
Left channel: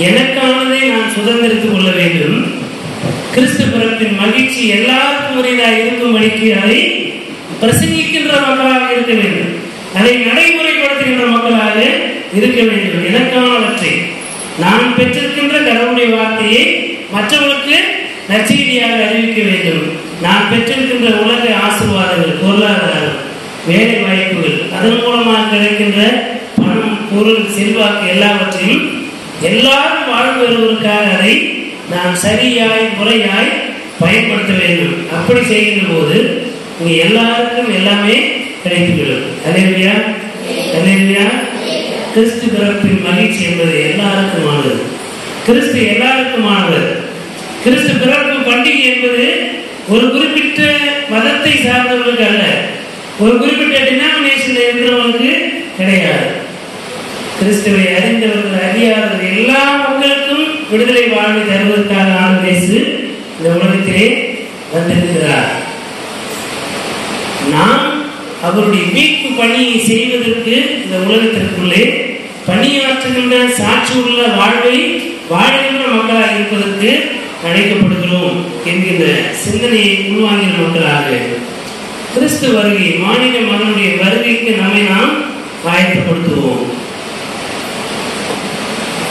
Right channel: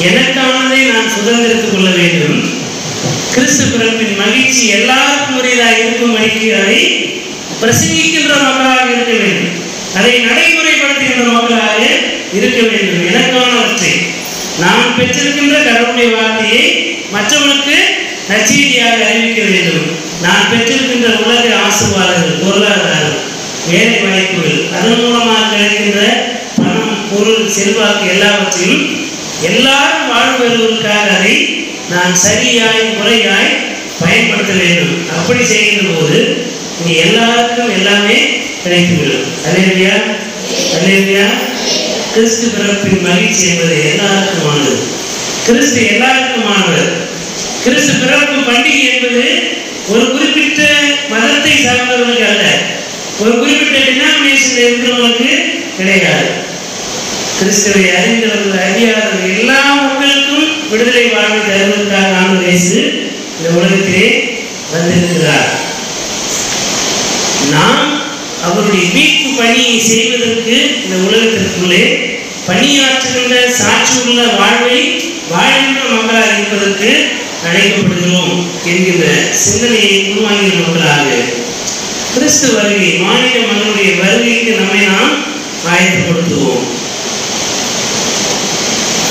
எனக்கானதை நான் சுதந்திரித்துக் கொள்ள வேண்டும். கிறிஸ்து பிறப்பின் மகிழ்ச்சி எல்லாருக்கும் உரியதாக இருக்கும்படிக்கு அதை பிரசங்கிக்கின்ற மக்களாக இருக்க வேண்டும், அதை நடைமுறைப்படுத்துகின்ற மக்களாக இருக்க வேண்டும். எனக்கானவற்றை நான் பெற்றிருக்கின்ற கடவுளுடைய வார்த்தையை மற்றவர்களுக்கு நற்செய்தியாக அறிவிக்க வேண்டும். நான் பெற்றிருக்கின்ற உலக ஆசீர்வாதங்கள், பொருளாதாரம், வேலை வாய்ப்புகள், அதன் மூலமாக கிடைக்கின்ற பணம், பொருள், செல்வாக்கு எல்லாவற்றையும் எல்லாரும் வாழ்வதற்காக அதை நான் சரியாய் முறையாய் பயன்படுத்த வேண்டும். அப்படி செய்கின்ற போது இங்கே எல்லாருக்கும் எல்லாமே கிடைத்துவிடும். அல்லேலூயா, அல்லேலூயா. கிறிஸ்து பிறப்பின் மகிழ்ச்சி என்பது எல்லாருக்குமானது. கிறிஸ்து எல்லாருக்குமானவர். கிறிஸ்து பிறப்பு பண்டிகை என்பது ஒரு குறிப்பிட்ட மதத்தை சார்ந்தவர்களுக்கு அல்ல, ஒரு குறிப்பிட்ட டினாமினேஷன்ல இருக்கிறவங்களுக்கு கிடையாது. கிறிஸ்துவை அறிந்தவர்கள் அறியாதவர்கள் எல்லா மக்களுக்கும் விடுதலை வாழ்வை தருவதற்காக ஆண்டவர் இயேசு இந்த உலகத்திலே வந்திருக்கிறார். நாம் அவருடைய மீட்பு பணியை செய்வதற்கு இந்த உலகத்திற்குள்ளே பணியாற்றுகின்ற சாட்சியுள்ள வாழ்வை வாழ்கின்ற மக்களாக இருப்பதற்கு அழைக்கப்படுகிறோம் என்கிற சிந்தனையை உருவாகிற மக்களாக கிறிஸ்து வருகை, மாநில மகனுடைய வருகைக்கு நம்மை நாம் ஆயத்தப்படுத்துவோம்.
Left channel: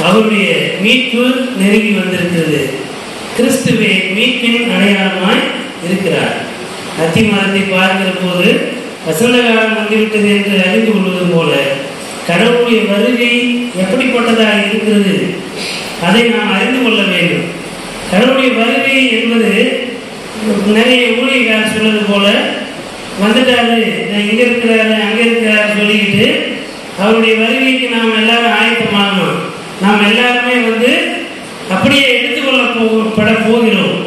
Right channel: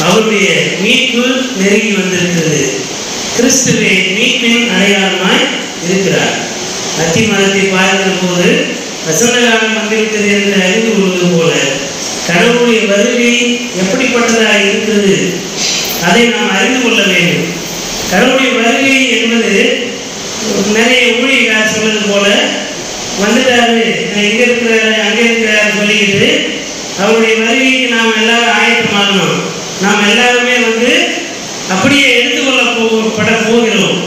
அவருடைய மீட்பு நெருங்கி வந்திருக்கிறது. கிறிஸ்துவே மீட்பின் அடையாளமாய் இருக்கிறார். அத்தி மரத்தை பார்க்கிற போது வசந்த காலம் வந்துவிட்டது என்று அறிந்து கொள்வது போல கடவுளுடைய வருகை எப்படிப்பட்டதாக இருக்கிறது அதை நாம் அறிந்து கொள்ள வேண்டும். கடவுளுடைய வருகை என்பது நிறைய ஊழியர்கள் சொல்வது போல வந்துட்டாரு, இங்கே இருக்கிறாரு அங்கே இருக்கிறாரு சொல்லிக்கிட்டு அவருடைய வருகைக்கு நாம் எல்லாரும் ஆயத்தமாகணும், நாம் எல்லாருமே அப்படியே எடுத்துக்கொள்ளப்பட போகிறோம்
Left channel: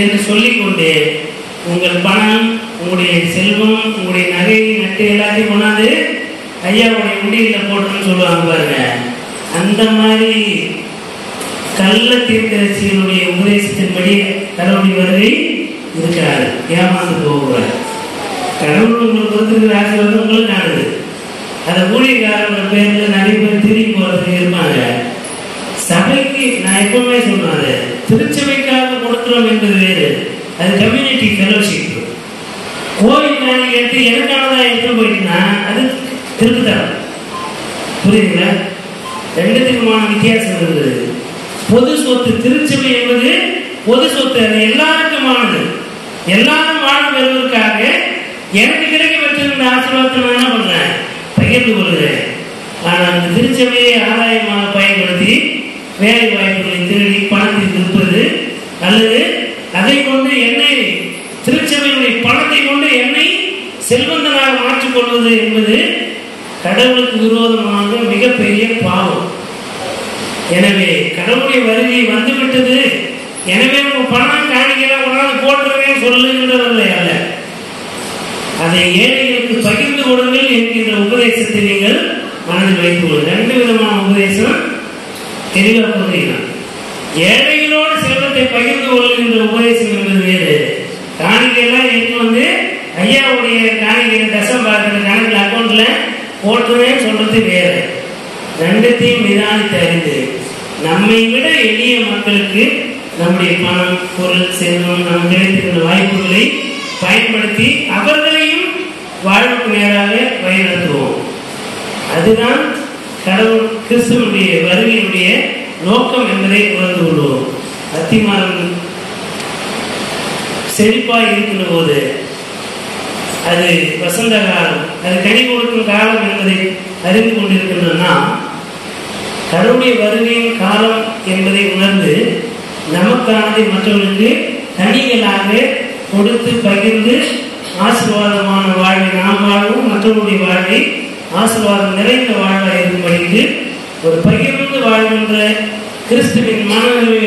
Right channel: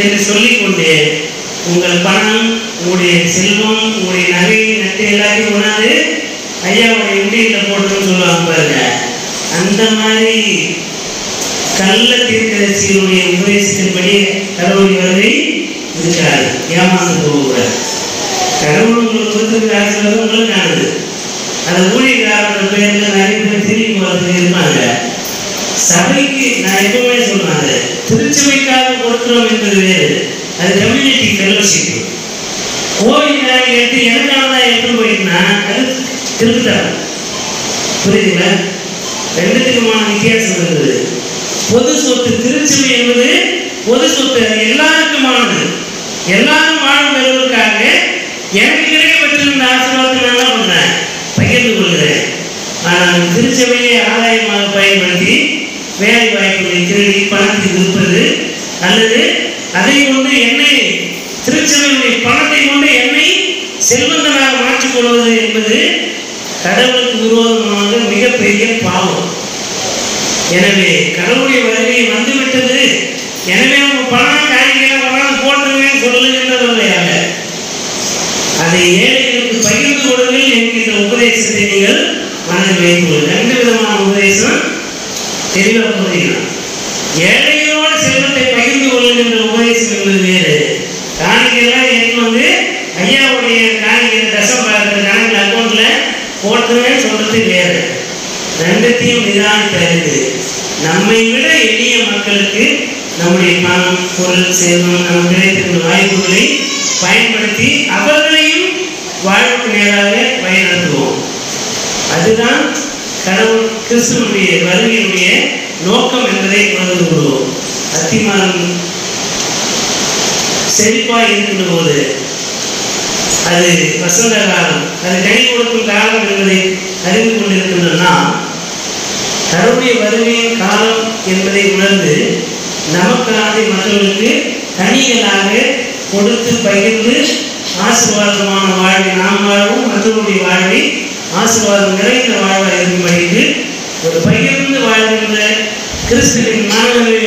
என்று சொல்லிக்கொண்டே உங்கள் பணம், உங்களுடைய செல்வம், உங்களுடைய நகை நட்டு எல்லாத்தையும் கொண்டாந்து ஐயாவுடைய உண்டியில் போட்டுன்னு சொல்லுவாங்க பாருங்க. அந்த மாதிரி கள்ள தீர்க்கதரிசிகளுடைய உபதேசத்தின்படி கடவுள் வருகை இருக்கிறார். ஏமாந்து போகக்கூடாது. கடவுள் உங்களுக்கு கொடுத்துருக்கிற ஆசீர்வாதம் உங்களுக்கு ஆனது. அதை ஊழியக்காரர்கள் பேருக்கு நிறைய பேர் திரும்பி போகிறதுக்கு இருப்பாங்க. சபைக்கு நான் எப்பவுமே சொன்னாங்க, திருச்சபைக்காக கொடுக்குறோம் என்பது வேறு, அது கம்யூனிட்டி ஃபெலோஷிப். கோவில் வாங்கி எடுத்து எனக்கானதான் எடுத்து போயிட்டுனா அது திருத்தரம். புரியுதுங்களா? ரெண்டுத்துக்குமான வித்தியாசம் இருந்தது. பொது சொத்து திருச்சபை என்பது பொது சொத்து, அது எல்லாருக்குமானது. எல்லாரும் வாழ்வு பெறுவதற்காக எனக்கு கிடைக்கப்பட்டிருந்த ஆசீர்வாதத்தை நான் என்ன பண்றேன், பகிர்ந்து கொள்கிறேன். ஆனால் திருச்சபையை ஆதாயமாக பயன்படுத்தி வேலை வாய்ப்புகளை திருடி பணத்தை விற்பது அல்லது அதை கொண்டு என்னை திருச்சபையுடைய பணத்தை கொண்டு என்னை செல்வந்தனாக மாற்றிக்கொள்வது என்பது கடவுளுக்கு விரோதமான மிகப்பெரிய பாவம். எனவே கடவுளுடைய வருகை வந்துவிட்டது, எனவே நம்ம பணம் காணிக்கலாம் கொண்டாந்து போட்டுருவேன் சொல்லுகின்றவர்களையாக அதை ஏழைகளுக்கு பகிர்ந்து கொடுங்கள் என்கின்ற உபதேசத்தை நீங்கள் மனதில் வைத்துள்ளது. ரெண்டு விதமான உபதேசம் தெளிவாக புரிஞ்சுக்கலாம். ஏழைகளோடு செல்வத்தை பகிர்ந்து கொள்ளுகின்ற உபதேசம் என்பது வேறு. காணிக்கைலாம் எடுத்து வந்து ஐயாவுடைய காணிக்கை தசம் பார்க்கறது கணக்கில் அக்கௌண்ட்ல போட்டுருவேன் சொல்றது வேறு. ரெண்டுத்தையும் நிதானித்து அறிந்து நம்மை விட எளிய மக்களுக்கு நம்முடைய பணம், பொருள், செல்வம் நம்ம கிடைத்திருந்த வாய்ப்புகளை பயன்படுத்தி அவர்களையும் வாழ்வுக்கு நேராக வழிநடத்துவோம். அதுதான் கடவுள் கிறிஸ்துவனுடைய வருகையுடைய நோக்கம் என்பதை உணர்ந்து கொள்வோம். அத்திமரம் செழிப்பாய் இருக்கின்ற போது அது வசந்த காலம், அது கனி கொடுக்கும் காலம் என்பதை அறிந்து கொண்டிருக்கின்றன. கடவுளுடைய வருகையின் காலம் என்பதை உணர்ந்து நமக்கானதை மற்றவர்களுக்கு கனிகளாக கொடுத்து பகிர்ந்து ஆசீர்வாதமான வாழ்வை நாம் வாழ்வோம், மற்றவருடைய வாழ்வை ஆசீர்வாதம் நிறைந்த வாழ்வாக இருக்கும்படிக்கு ஒரு பகிர்ந்து வாழ்கின்ற கிறிஸ்துவின் மனநிலை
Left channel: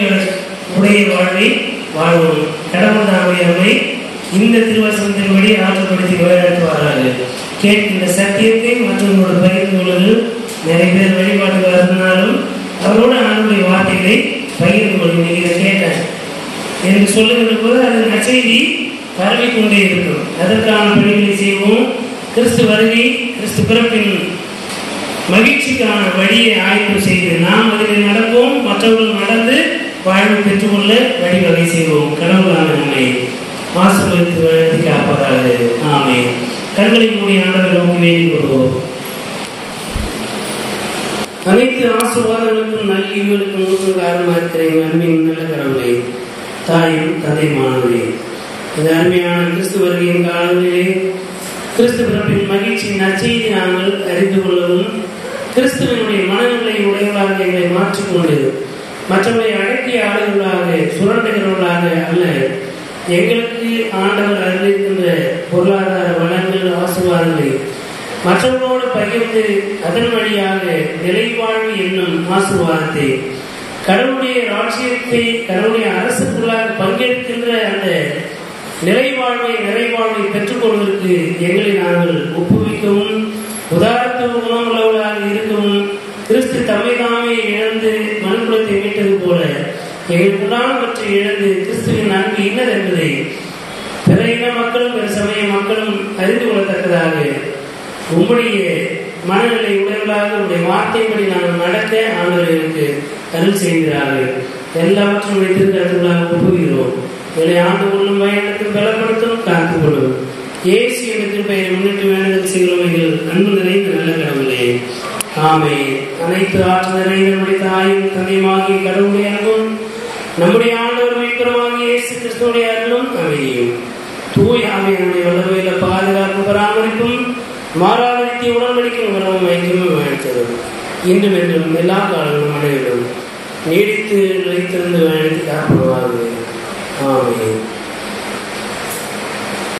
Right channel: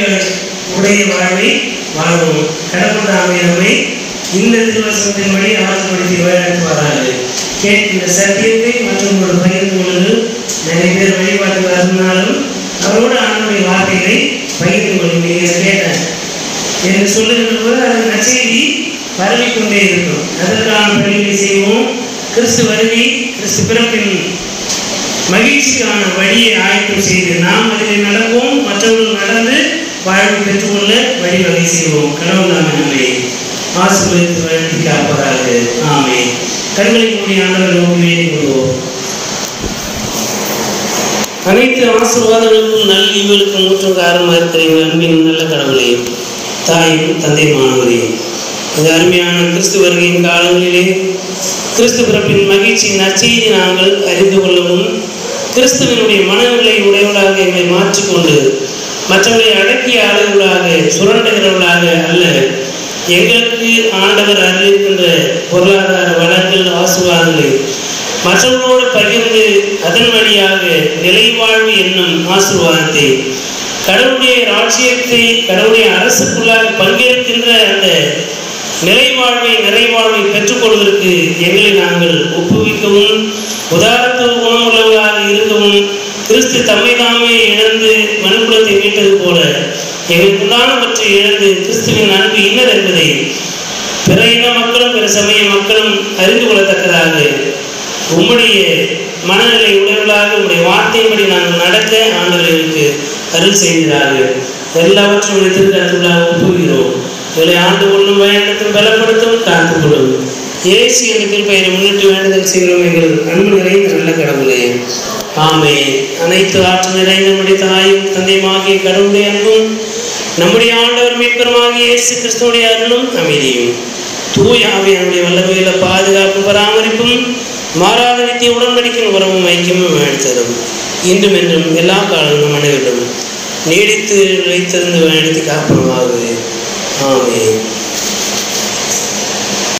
உடைய வாழ்வை வாழ்வோம். கடவுள் தாமே நம்மை இந்த திருவசனத்தின்படி ஆற்றுப்படுத்தி வழிநடத்துவார்கள். கேட்கின்ற சத்தியத்தை மற்றவர்களோடு பகிர்ந்து கொள்வது. நிறைய பேர் வழிபாட்டு இருந்தாலும் அவரோடு அவனுடைய வார்த்தைகளை பகிர்ந்து கொள்ளும். நீங்கள் கேட்டேன் என்று சொல்லுகின்ற போது அது நற்செய்தி பரவிக்கொண்டே இருக்கும். அதற்கான பணிகளை செய்வோம். கிறிஸ்து வருகை, கிறிஸ்து பிறப்பின் மகிழ்ச்சிக்கான வழியை ஆயத்தம் செய்து நாம் அதில் நடப்போம், மற்றவர்கள் நடந்து வாழ்வு பெற்றுக்கொள்ள வழிவகை செய்வோம். கடவுள் நம்மை ஆசீர்வதித்து வழங்கி காப்பதாக. ஆமென். கண்களை மூடி ஆண்டவரை நோக்கி வேண்டிக் கொள்வோம். அனைத்து ஆசீர்வாதங்களுக்கும் நல்லிவுகளுக்கும் ஊற்றும் காரணமாக இருக்கிற அன்பின் நல்ல கடவுளே, தாயும் தந்தையுமானவரே, இந்த அருமையான கிறிஸ்து வருகையின் காலங்களிலே கிறிஸ்து பிறப்பின் மகிழ்ச்சியின் நற்செய்தி நாங்கள் அறிந்து கொள்ளவும், கிறிஸ்துவனுடைய மனநிலை உடையவர்களாக எங்களை மாற்றிக்கொண்டு மற்றவர்களை அடக்கிய ஆளுகளாக சுரண்டுகிறவர்களாக அல்ல, எங்களுக்கு ஆண்டவர் அறிவிக்கின்ற பொருளாதார வளங்கள் ஆசீர்வாதங்களை மற்றவர்களோடு பகிர்ந்து அதன் வழியாக நிலைவாழ்வு என்னும் ஆசீர்வாதத்தை, கடவுளுடைய ராஜ்யத்தை, கடவுளுடைய அரசுக்குள்ளாக பங்கேற்கின்ற அந்த நிலைவாழ்வை நிறைவாழ்வை பெற்றுக்கொள்வதற்கு எங்களை நாங்கள் ஒப்புவிக்கவும், உதாரத்துவ குணமுள்ளவர்களாக இருக்கவும், கிறிஸ்து தம்மை தாமே இழந்து மனுக்குலத்தை மீட்டது போல எங்களுக்குண்டானவற்றை இழந்து கிறிஸ்துவின் அன்பு இன்னர் என்பதை பிற இன மக்களும் பிற சமய மக்களும் அறிந்து கொள்ளத்தக்கதாக உம்முடைய மனநிலை உடையவர்களாக உங்களுடைய வார்த்தையின்படி நாங்கள் நடக்க ஆண்டவர்களுக்கு அருள் செய்கிறார்கள். எல்லாவற்றையும் திருக்கரத்துள்ளாக ஒப்புகிறோம். இவளை ஆண்டு கொள்ளும் பயணத்தும் பலப்படுத்தும் காத்துக் கொள்ளும். இயேசு என்ற திருப்பெயரை முன்னிட்டு வேண்டுதல் செய்கிறோம் எங்கள் அன்பு நிறைந்த நல்ல கடவுளே. ஆமென். அனைத்து ஆற்றல் நிறைந்த நம்முடைய தாயும் தந்தையுமாகிய கடவுளுடைய அன்பும் நம்முடைய ஆண்டவர் மீட்பருமாகிய இயேசு கிறிஸ்துவுடைய அருளும் அமைதியும் தூய ஆவியானுடைய வல்லமையில பாதுகாப்பு பராமரிப்பும் மாறாத நித்திய உடன்படிக்கும் உறவும் ஐக்கியமும் அளித்ததும் இன்றும் என்றும் எல்லா காலங்களும் அனைவரும் நீடித்து நிலைத்திருந்து வழிநடத்தி காப்பதாக. ஆமென்.